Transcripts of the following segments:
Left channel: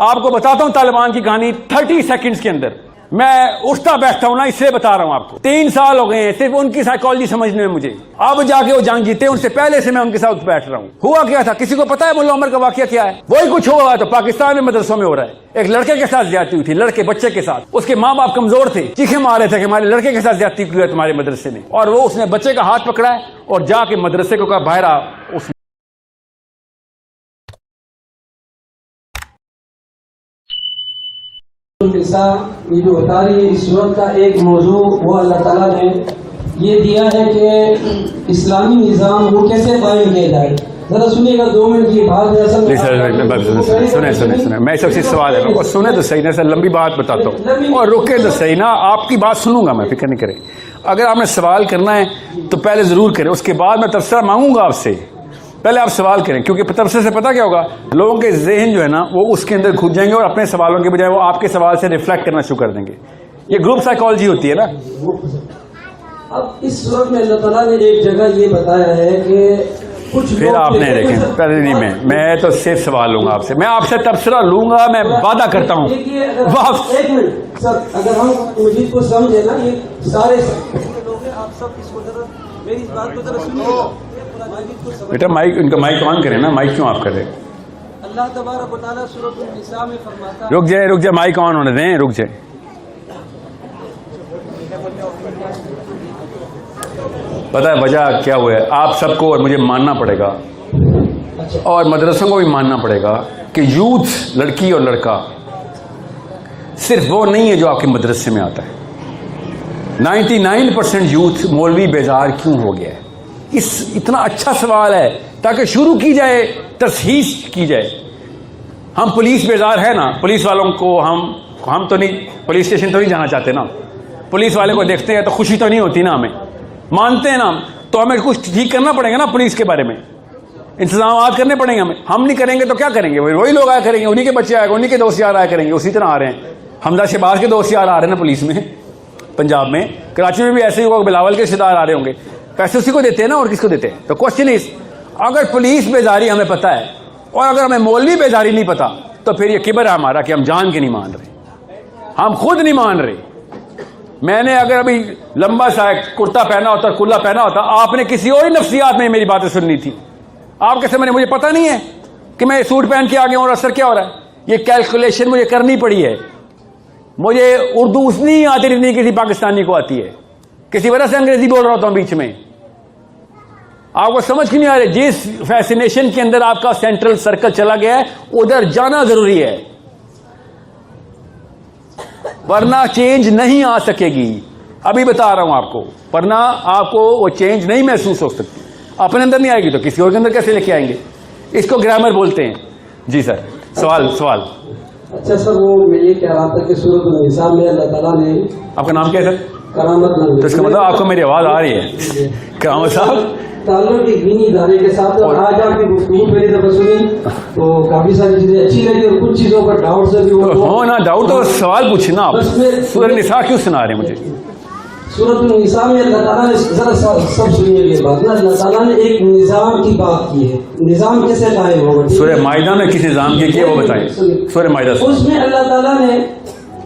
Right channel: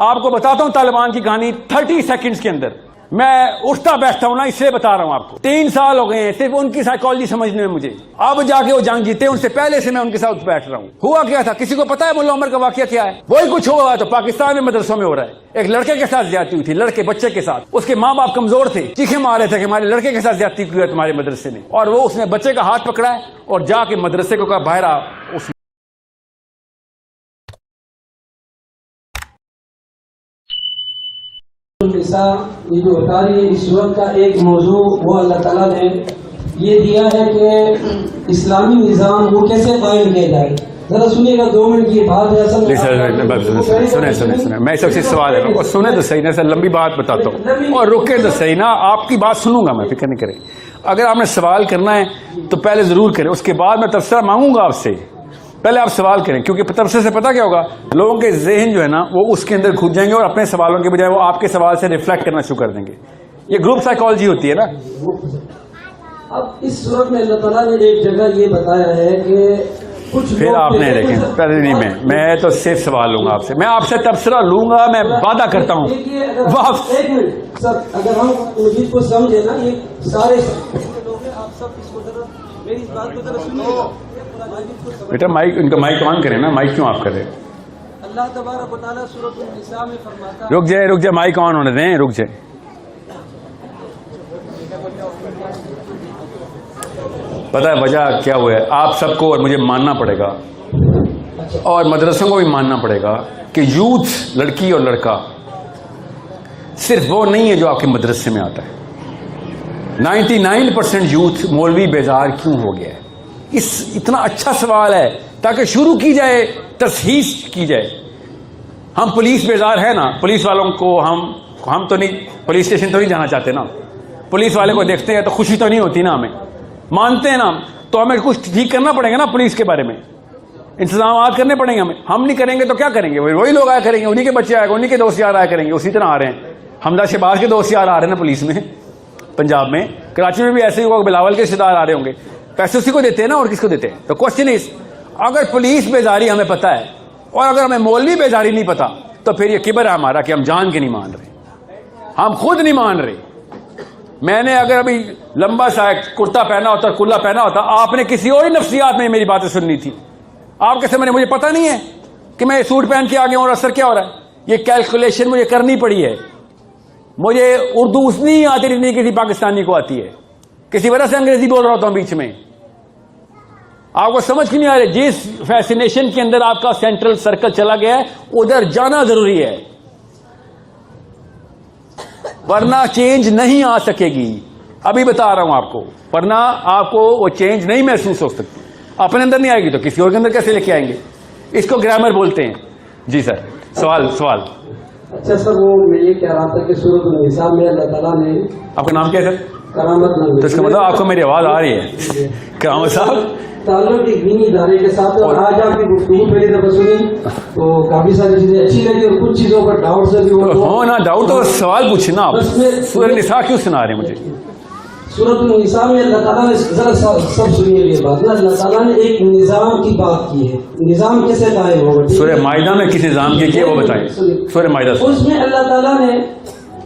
آپ کو بتاتا ہوں طالبان کی کہانی 30 سیکنڈز کے اندر. میں اٹھتا بیٹھتا ہوں نا، اس سے بتا رہا ہوں آپ کو. 3 سال ہو گئے ہیں صرف ان کی سائیکالوجی سمجھنے میں مجھے. اب جا کے وہ جنگ جیتے، ان سے پہلے سے میں ان کے ساتھ بیٹھ رہا ہوں. ہوا کیا تھا کسی کو پتا ہے ملا عمر کا واقعہ کیا ہے؟ وہی کچھ ہوا تو پاکستان میں مدرسوں میں ہو رہا ہے. ایک لڑکے کے ساتھ زیادتی ہوئی تھی، لڑکے بچے کے ساتھ. اس کے ماں باپ کمزور تھے، چیخیں مار رہے تھے کہ ہمارے لڑکے کے ساتھ زیادتی کی ہے تمہارے مدرسے نے. اور وہ اس نے بچے کا ہاتھ پکڑا ہے اور جا کے مدرسے کو کہا باہر آ. یہ جو بتا رہی ہے اس وقت کا ایک موضوع وہ اللہ تعالیٰ نے یہ دیا ہے کہ اسلامی نظام وہ کیسے قائم کیا جائے. ذرا سنیے گا 2 منٹ کی بات ہے. سنیں میں سب سے سوال ہے کو سنیں تو صحیح نا سر، لمبی بات بتاتا ہوں اور رکے تو صحیح نا. آپ کی بات سنوں گا میں، فکر نہیں کریں. اگر آپ نے سوال کرنا ہے تو پہلے ضرور کریں، اس کے بعد میں تبصرہ مانگوں گا آپ سے. پہلے آپ سوال کریں، کیونکہ تبصرے سے پتا کیا ہوگا، لوگوں کے ذہن جو ہے نا وہ اس کے اندر کھود جائیں گے اور اپنے سوالوں کے بجائے وہ آپ کے سوال سے ریفلیکٹ کرنا شروع کر دیں گے. یہ گروپ سائیکالوجی ہوتی ہے نا. اب اس وقت اللہ تعالیٰ نے ایک جگہ یہ بتایا ہے کہ پھر آپ نے دیکھیں پہلے نہیں میں تو صرف سوال لوں گا آپ سے. میں آپ سے تبصرہ لوں گا، میں وعدہ کرتا ہوں. ایک منٹ سر، اگر ہم مجید کو سمجھے نا یہ سارے آپ سب اس کو ذرا میری بات کو ذرا سنیے. بیٹا مائک ان کا مائک آن کریں نا، مائک کیوں آپ کر رہے ہیں؟ اللہ تبارک و تعالیٰ سورۃ النساء میں فرماتا ہے. رک جائے مائک آن ہونے دیں، رک جائے. پتا ہے وجہ کیا ہوا ہے؟ آپ سب کو اور مجھے ماننا پڑے گا اور مدرسوں کو بھی ماننا پڑے گا کہ یوتھ لڑکی اور لڑکا صرف وہ نہیں ہے جو آپ کے مدرسے میں آتا ہے. 99% یوتھ مولوی بیزار کیوں ہو گیا ہے؟ اتنا اچھا سوال ہے تاکہ شروع کی جائے، تصحیح کی جائے. ہم پولیس بیزار ہے نا، پولیس والوں کو ہم تو نہیں، پولیس اسٹیشن تو نہیں جانا چاہتے نا. پولیس والے کو دیکھتے ہیں تو خوشی تو نہیں ہوتی نا، ہمیں مانتے ہیں نا. تو ہمیں کچھ ٹھیک کرنا پڑے گا نا پولیس کے بارے میں، انتظامات کرنے پڑیں گے ہمیں. ہم نہیں کریں گے تو کیا کریں گے؟ وہی لوگ آیا کریں گے، انہی کے بچے آئے گا، انہی کے دوست یار آیا کریں گے. اسی طرح آ رہے ہیں حمزہ شہباز کے دوست یار آ رہے ہیں نا پولیس میں. پنجاب میں کراچی میں بھی ایسے ہی ہوا، بلاول کے رشتے دار آ رہے ہوں گے. پیسے اسی کو دیتے ہیں نا، اور کس کو دیتے ہیں؟ تو کوشچن از، اگر پولیس بیزاری ہمیں پتا ہے اور اگر ہمیں مولوی بیزاری نہیں پتا تو پھر یہ کبر ہے ہمارا کہ ہم جان کے نہیں مان رہے، ہم خود نہیں مان رہے. میں نے اگر ابھی لمبا سا کرتا پہنا ہوتا، کلا پہنا ہوتا، آپ نے کسی اور نفسیات میں میری باتیں سننی تھی. آپ کے سامنے مجھے پتا نہیں ہے کہ میں سوٹ پہن کے آ گیا اور اثر کیا ہو رہا ہے. یہ کیلکولیشن مجھے کرنی پڑی ہے. مجھے اردو اس نہیں آتی جتنی کسی پاکستانی کو آتی ہے. کسی وجہ سے انگریزی بول رہا ہوتا ہوں بیچ میں. آپ کو سمجھ نہیں آ رہی؟ جس فیسینیشن کے اندر آپ کا سینٹرل سرکل چلا گیا ہے ادھر جانا ضروری ہے، ورنہ چینج نہیں آ سکے گی. ابھی بتا رہا ہوں آپ کو، ورنہ آپ کو وہ چینج نہیں محسوس ہو سکتی. اپنے اندر نہیں آئے گی تو کسی اور کے اندر کیسے لے کے آئیں گے؟ اس کو گرامر بولتے ہیں. جی سر، سوال. اچھا سر، وہ میں یہ کہہ رہا تھا کہ سورۃ النساء میں اللہ تعالیٰ نے، آپ کا نام کیا ہے سر؟ کرامت. تو اس کا مطلب آپ کو میری آواز آ رہی ہے. کرامت صاحب تعلق ایک دینی ادارے کے ساتھ، اور آج آپ کی گفتگو پہلی دفعہ سنی تو کافی ساری چیزیں اچھی لگی اور کچھ چیزوں پر ڈاؤٹ سے بھی ہو نا. ڈاؤٹ تو سوال پوچھنا. آپ سورۃ النساء کیوں سنا رہے ہیں مجھے؟ سورۃ النساء میں اللہ تعالیٰ نے ذرا سب سنیے یہ بات نا، اللہ تعالیٰ نے ایک نظام کی بات کی ہے. نظام کیسے قائم ہوگا؟ سورہ مائدہ میں کس نظام کی ہے وہ بتائیں. سورہ مائدہ اس میں اللہ تعالیٰ نے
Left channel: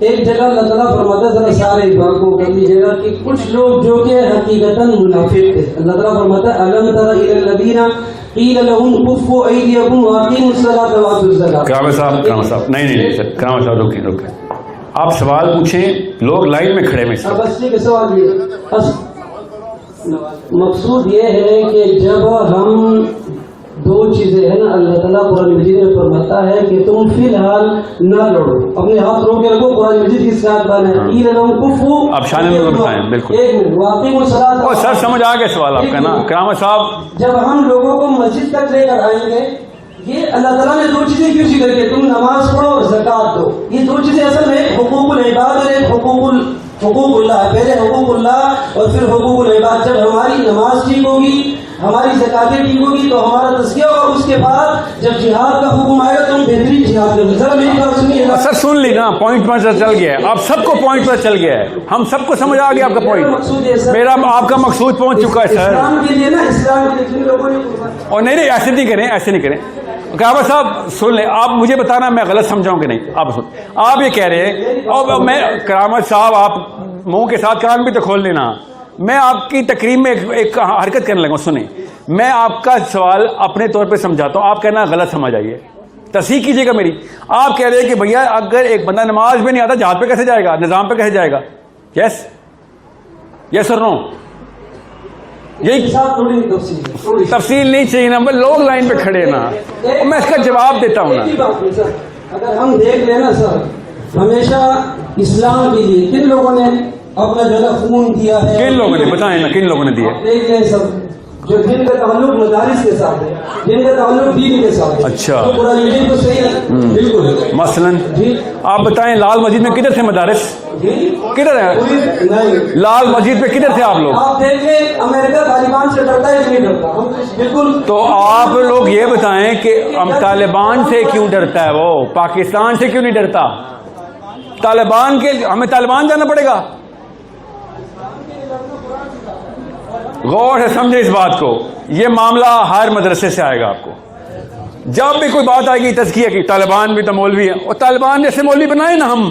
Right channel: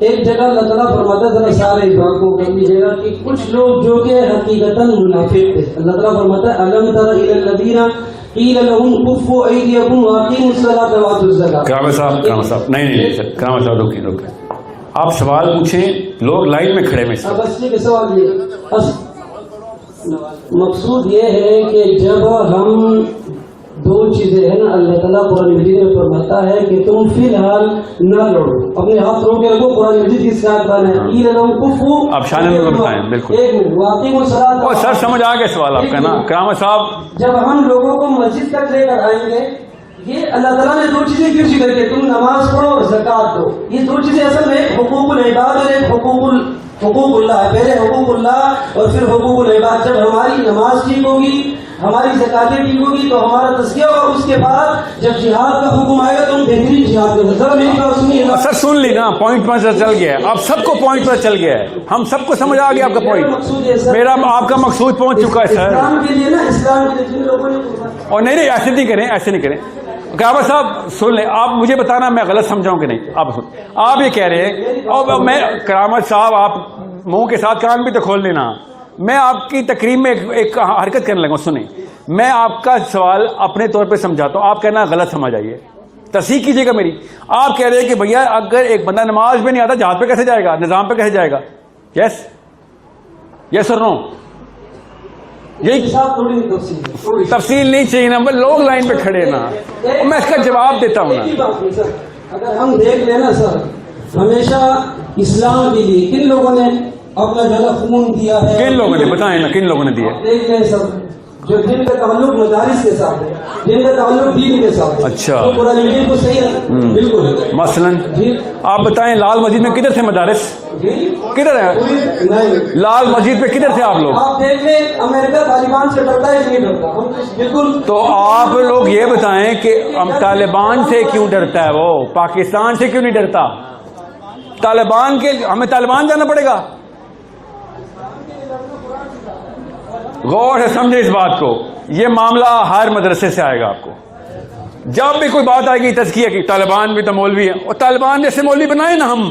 ایک جگہ اللہ تعالیٰ فرماتا ہے، ذرا سارے بات کو کر لیجیے گا، کہ کچھ لوگ جو کہ حقیقتاً منافق تھے. اللہ تعالیٰ فرماتا ہے الم تر الی الذین قیل لهم کفوا ایدیکم واقیموا الصلاۃ وآتوا الزکاۃ. کرامت صاحب نہیں سر، کرامت صاحب رکیں. آپ سوال پوچھیں، لوگ لائن میں کھڑے میں. بس ٹھیک ہے، سوال یہ بس مقصود یہ ہے کہ جب ہم دو چیزیں ہیں نا، اللہ تعالیٰ قرآن مجید میں فرماتا ہے کہ تم فی الحال نہ لڑو، اپنے ہاتھ رو کے رکھو. قرآن مجید کی ساتھ آپ شان میں بتائیں. بالکل سر سمجھ آ گیا سوال آپ کا نا کرامت صاحب. جب ہم لوگوں کو مسجد تک لے کر آئیں گے، یہ اللہ تعالیٰ نے 2 چیزیں کیوں ذکر کی؟ تم نماز پڑھو اور زکات دو. یہ 2 چیزیں اصل میں حقوق العباد اور ایک حقوق اللہ ہے. پہلے حقوق اللہ اور پھر حقوق العباد. جب ہماری نماز ٹھیک ہوگی، ہماری زکاتیں ٹھیک ہوگی تو ہمارا تزکیہ ہوگا. اس کے بعد جب جہاد کا حکم آئے گا تو ہم بہترین جہاد کریں. ذرا میری بات سنیے سر. سن لی نا، پوائنٹ پر چل گیا ہے. آپ سب کو پوائنٹ پر چل گیا ہے. ہم سب کو سمجھ آ گیا آپ کا پوائنٹ. میرا آپ کا مقصود پہنچ چکا ہے سر. اسلام کے لیے نا، اسلام کے لیے جن لوگوں نے، اور نہیں ایسے نہیں کریں. قیامت صاحب سن لیں, آپ مجھے بتانا میں غلط سمجھاؤں کہ نہیں. آپ سن, آپ یہ کہہ رہے ہیں, اور میں قیامت صاحب آپ منہ کے ساتھ کان بھی تو کھول لینا, میں آپ کی تقریر میں ایک حرکت کرنے لگا. سنیں, میں آپ کا سوال اپنے طور پہ سمجھاتا ہوں, آپ کہنا غلط سمجھ آئیے, تصحیح کیجیے گا میری. آپ کہہ رہے ہیں کہ بھیا اگر ایک بندہ نماز میں نہیں آتا جہاد پہ کیسے جائے گا, نظام پہ کیسے جائے گا؟ یس یس اور نو؟ یہ تفصیل نہیں چاہیے نا, لوگ لائن پہ کھڑے نا, میں اس کا جواب دیتا ہوں نا. اگر ہم دیکھ لیں نا سر, ہمیشہ اسلام کے لیے کن لوگوں نے اپنا جو ہے خون دیا ہے؟ کن لوگوں نے بتائیں نا, کن لوگوں نے دیا؟ دیکھ لیں سر, جو جن کا تعلق مدارس کے ساتھ ہے, جن کا تعلق دین کے ساتھ ہے. اچھا, قرآن مجید تو صحیح ہے بالکل. مثلاً آپ بتائیں لال مسجد میں کدھر تھے مدارس؟ کدھر ہے لال مسجد پہ کدھر تھے آپ لوگ؟ آپ دیکھ لیں امریکہ طالبان سے ڈرتا ہے کہ نہیں ڈرتا؟ بالکل. تو آپ لوگ یہ بتائیں کہ ہم طالبان سے کیوں ڈرتا ہے, وہ پاکستان سے کیوں نہیں ڈرتا؟ طالبان کے ہمیں طالبان جانا پڑے گا؟ غور سے سمجھے اس بات کو, یہ معاملہ ہر مدرسے سے آئے گا آپ کو. جب بھی کوئی بات آئے گی تزکیہ کی, طالبان بھی تو مولوی ہیں, اور طالبان جیسے مولوی بنائے نا ہم,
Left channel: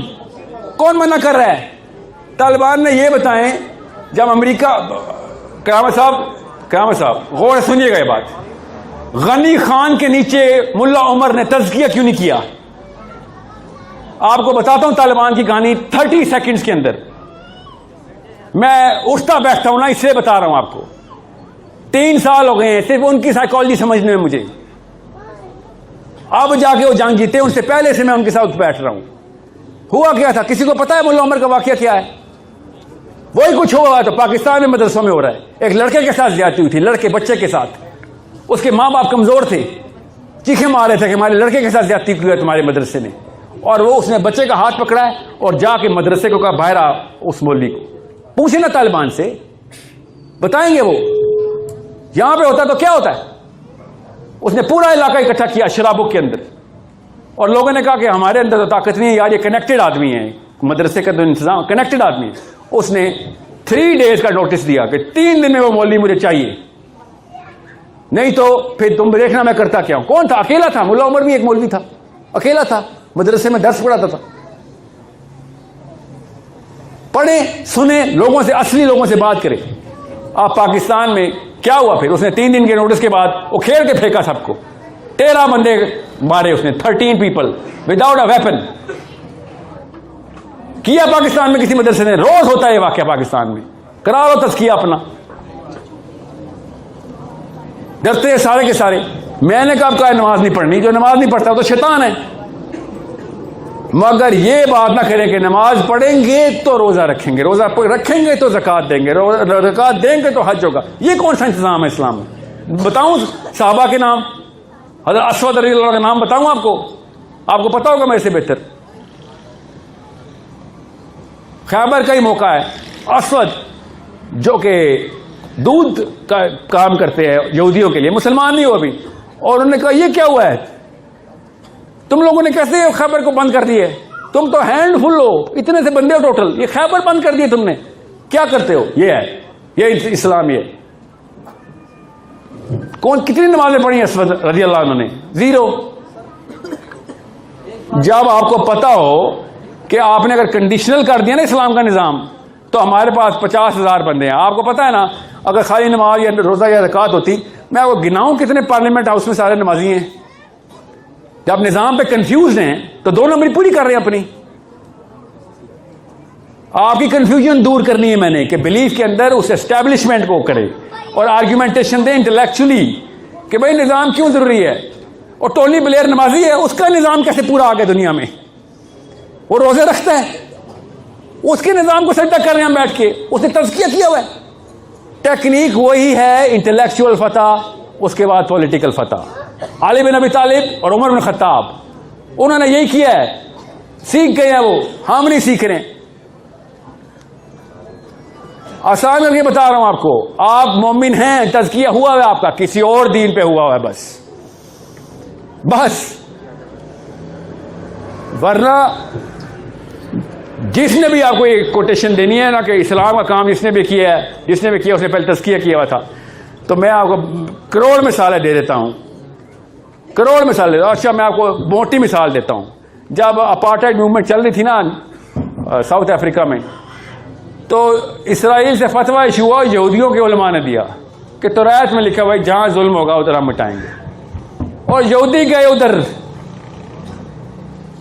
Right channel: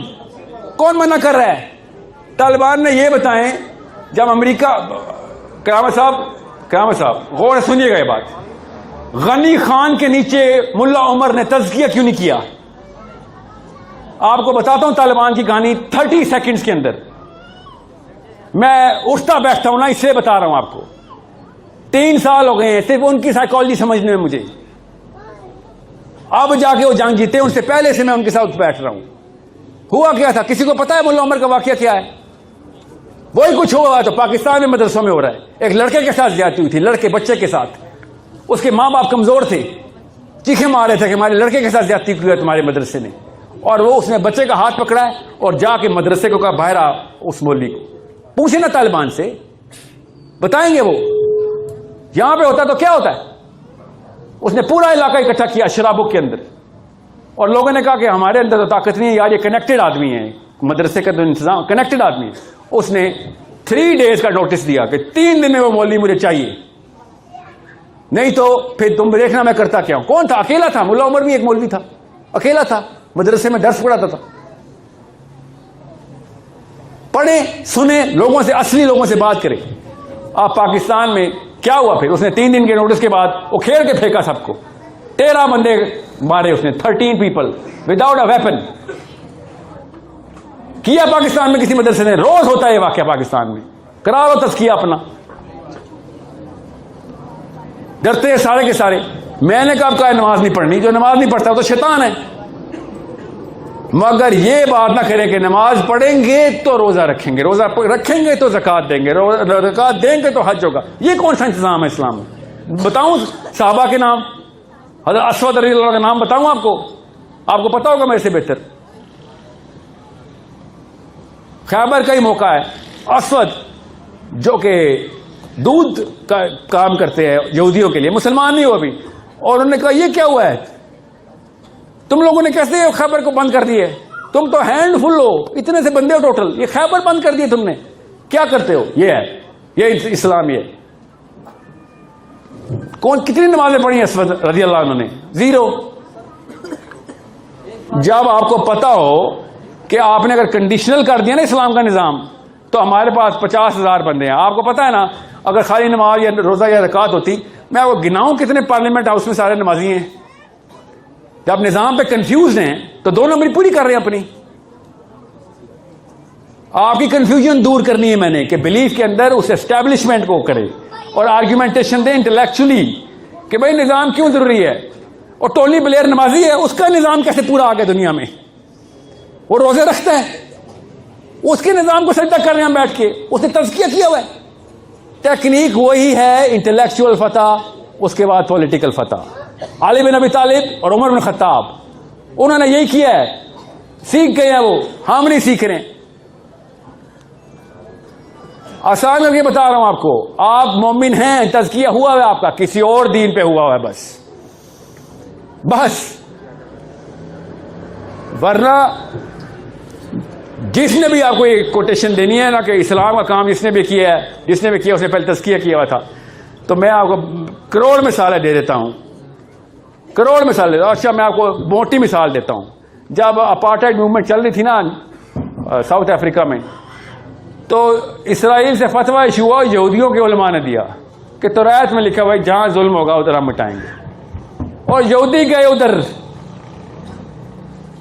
کون منع کر رہا ہے؟ طالبان نے یہ بتائیں جب امریکہ, قیامت صاحب غور سے سنیے گا یہ بات, غنی خان کے نیچے ملا عمر نے تزکیہ کیوں نہیں کیا؟ آپ کو بتاتا ہوں طالبان کی کہانی 30 سیکنڈز کے اندر, میں اٹھتا بیٹھتا ہوں نا, اس لیے بتا رہا ہوں آپ کو. 3 سال ہو گئے ہیں صرف ان کی سائیکالوجی سمجھنے میں مجھے. اب جا کے وہ جنگ جیتے, ان سے پہلے سے میں ان کے ساتھ بیٹھ رہا ہوں. ہوا کیا تھا کسی کو پتا ہے ملا عمر کا واقعہ کیا ہے؟ وہی کچھ ہوا تو پاکستان میں مدرسوں میں ہو رہا ہے. ایک لڑکے کے ساتھ زیادتی ہوئی تھی, لڑکے بچے کے ساتھ, اس کے ماں باپ کمزور تھے, چیخیں مار رہے تھے کہ ہمارے لڑکے کے ساتھ زیادتی کی ہے تمہارے مدرسے نے, اور وہ اس نے بچے کا ہاتھ پکڑا ہے اور جا کے مدرسے کو کہا باہر آ. اس مولوی کو پوچھیں نا طالبان سے, بتائیں گے وہ. یہاں پہ ہوتا تو کیا ہوتا ہے؟ اس نے پورا علاقہ اکٹھا کیا شرابوں کے اندر, اور لوگوں نے کہا کہ ہمارے اندر تو طاقت نہیں ہے یار, یہ کنیکٹڈ آدمی ہے, مدرسے کا تو انتظام کنیکٹڈ آدمی ہے. اس نے 3 days کا نوٹس دیا کہ 3 دن میں وہ مولوی مجھے چاہیے, نہیں تو پھر تم دیکھنا میں کرتا کیا ہوں. کون تھا؟ اکیلا تھا. ملا عمر بھی ایک مولوی تھا, اکیلا تھا, مدرسے میں درس پڑھاتا تھا. پڑھیں سنیں, لوگوں سے, اصلی لوگوں سے بات کریں. آپ پاکستان میں کیا ہوا پھر؟ اس نے 3 دن کے نوٹس کے بعد وہ کھیل کے پھینکا سب کو. 13 بندے مارے اس نے, 13 people وداؤٹ اے ویپن. کیا پاکستان میں کسی مدرسے نے؟ روز ہوتا ہے یہ واقعہ پاکستان میں. کرا لو تزکیہ اپنا. ڈرتے ہیں سارے کے سارے. میں نے کہا ہے نماز نہیں پڑھنی, جو نماز نہیں پڑھتا وہ تو شیطان ہے. مگر یہ بات نہ کریں کہ نماز پڑھیں گے تو روزہ رکھیں گے, روزہ رکھیں گے تو زکوٰۃ دیں گے, زکوٰۃ دیں گے تو حج ہوگا. یہ کون سا انتظام ہے اسلام میں؟ بتاؤں صحابہ کے نام, حضرت اسود رضی اللہ کا نام بتاؤں آپ کو پتا ہوگا میرے سے بہتر. خیبر کا ہی موقع ہے. اسود جو کہ دودھ کا کام کرتے ہیں یہودیوں کے لیے, مسلمان نہیں ہو ابھی, اور انہوں نے کہا یہ کیا ہوا ہے, تم لوگوں نے کیسے خیبر کو بند کر دیے؟ تم تو ہینڈ فل ہو, اتنے سے بندے ہو ٹوٹل, یہ خیبر بند کر دیے تم نے, کیا کرتے ہو؟ یہ ہے, یہ اسلام. یہ کون کتنی نمازیں پڑھی اسود رضی اللہ عنہ نے؟ 0. جب آپ کو پتا ہو کہ آپ نے اگر کنڈیشنل کر دیا نا اسلام کا نظام, تو ہمارے پاس 50,000 بندے ہیں. آپ کو پتا ہے نا اگر خالی نماز یا روزہ یا زکوٰۃ ہوتی, میں وہ گناؤں کتنے پارلیمنٹ ہاؤس میں سارے نمازی ہیں. جب نظام پہ کنفیوز ہیں تو 2 نمبر پوری کر رہے ہیں اپنی. آپ کی کنفیوژن دور کرنی ہے میں نے, کہ بلیف کے اندر اس اسٹیبلشمنٹ کو کرے اور آرگیومنٹیشن دیں انٹلیکچولی کہ بھائی نظام کیوں ضروری ہے. اور ٹونی بلیئر نمازی ہے, اس کا نظام کیسے پورا آ گیا دنیا میں؟ وہ روزے رکھتا ہے, اس کے نظام کو سجدہ کر رہے ہیں بیٹھ کے, اس نے تزکیہ کیا ہوا ہے. ٹیکنیک وہی ہے, انٹلیکچوئل فتح, اس کے بعد پولیٹیکل فتح. علی بن ابی طالب اور عمر بن خطاب, انہوں نے یہی کیا ہے, سیکھ گئے ہیں وہ, ہم نہیں سیکھ رہے. آسان کر کے بتا رہا ہوں آپ کو, آپ مومن ہیں, تزکیہ ہوا ہے آپ کا, کسی اور دین پہ ہوا ہے بس. ورنہ جس نے بھی آپ کو ایک کوٹیشن دینی ہے نا کہ اسلام کا کام جس نے بھی کیا ہے, اس نے پہلے تزکیہ کیا ہوا تھا, تو میں آپ کو کروڑ مثالیں دے دیتا ہوں. کروڑ مثال دیتا ہوں. اچھا میں آپ کو موٹی مثال دیتا ہوں. جب اپارٹائڈ موومنٹ چل رہی تھی نا ساؤتھ افریقہ میں, تو اسرائیل سے فتویٰ ایشو ہوا, یہودیوں کے علماء نے دیا کہ توریت میں لکھا بھائی جہاں ظلم ہوگا ادھر ہم مٹائیں گے. اور یہودی گئے ادھر,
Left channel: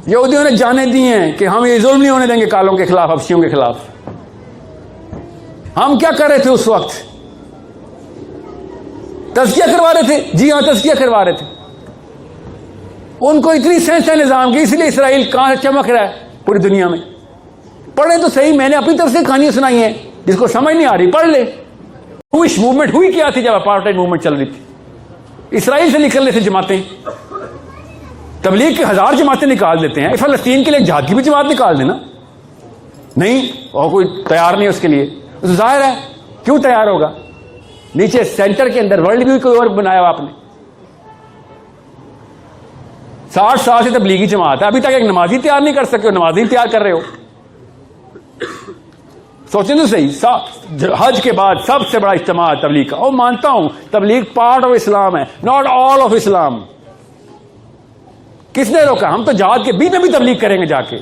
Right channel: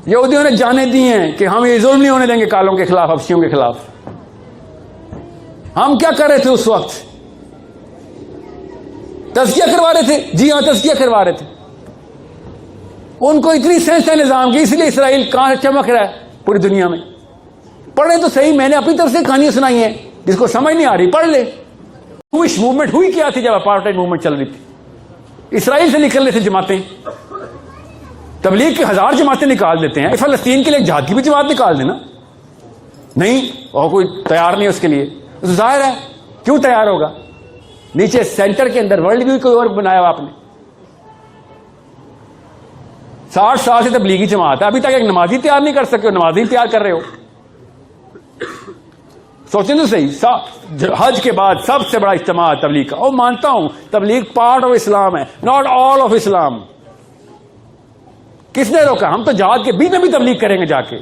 یہودیوں نے جانے دیے ہیں کہ ہم یہ ظلم نہیں ہونے دیں گے کالوں کے خلاف, حبشیوں کے خلاف. ہم کیا کر رہے تھے اس وقت؟ تزکیہ کروا رہے تھے. جی ہاں, تزکیہ کروا رہے تھے. ان کو اتنی سینس ہے نظام کی, اس لیے اسرائیل کہاں چمک رہا ہے پوری دنیا میں. پڑھے تو صحیح, میں نے اپنی طرف سے کہانیاں سنائی ہیں, جس کو سمجھ نہیں آ رہی پڑھ لے. ہوش موومنٹ ہوئی کیا تھی جب اپارٹائڈ موومنٹ چل رہی تھی؟ اسرائیل سے نکل رہے تھے جماعتیں. تبلیغ کے 1000 جماعتیں نکال دیتے ہیں, فلسطین کے لیے جہاد کی بھی جماعت نکال دینا. نہیں, اور کوئی تیار نہیں اس کے لیے. ظاہر ہے کیوں تیار ہوگا؟ نیچے سینٹر کے اندر ورلڈ ویو کوئی اور بنایا ہوا آپ نے. 60 سال سے تبلیغی جماعت ہے, ابھی تک ایک نمازی تیار نہیں کر سکے, نمازی تیار کر رہے ہو. سوچیں تو صحیح, حج کے بعد سب سے بڑا اجتماع تبلیغ کا. اور مانتا ہوں تبلیغ پارٹ آف اسلام ہے, ناٹ آل آف اسلام. کس نے روکا؟ ہم تو جہاد کے بیچ میں بھی تبلیغ کریں گے جا کے.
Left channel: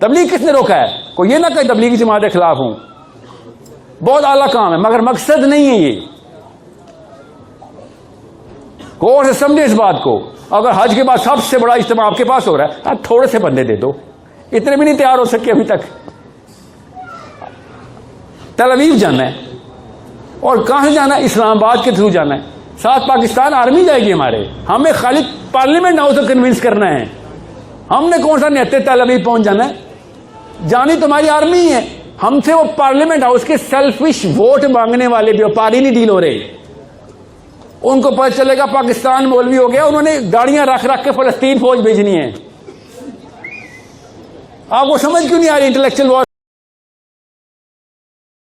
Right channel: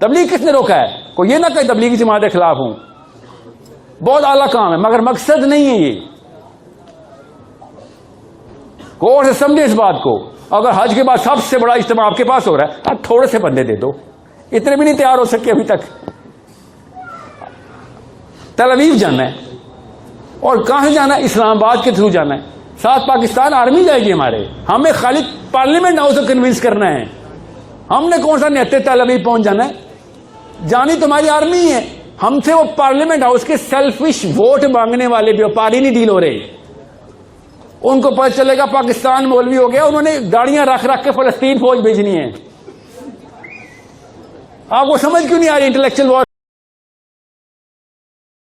تبلیغ کس نے روکا ہے؟ کوئی یہ نہ کہ تبلیغی جماعت کے خلاف ہوں. بہت اعلیٰ کام ہے, مگر مقصد نہیں ہے یہ. غور سے سمجھے اس بات کو. اگر حج کے بعد سب سے بڑا اجتماع آپ کے پاس ہو رہا ہے, اب تھوڑے سے بندے دے دو. اتنے بھی نہیں تیار ہو سکے ابھی تک. تل اویو جانا ہے, اور کہاں جانا ہے؟ اسلام آباد کے تھرو جانا ہے. ساتھ پاکستان آرمی جائے گی ہمارے. ہمیں خالی پارلیمنٹ ہاؤس کو کنوینس کرنا ہے. ہم نے کون سا نیتے تل اویو پہنچ جانا ہے؟ جانی تمہاری آرمی ہے. ہم سے وہ پارلیمنٹ ہاؤس کے سیلفش ووٹ مانگنے والے بیوپاری نہیں ڈیل ہو رہے. ان کو پتہ چلے گا پاکستان مولوی ہو گیا, انہوں نے گاڑیاں رکھ رکھ کے فلسطین فوج بھیجنی ہے. آپ کو سمجھ کیوں نہیں آ رہی انٹلیکچوئل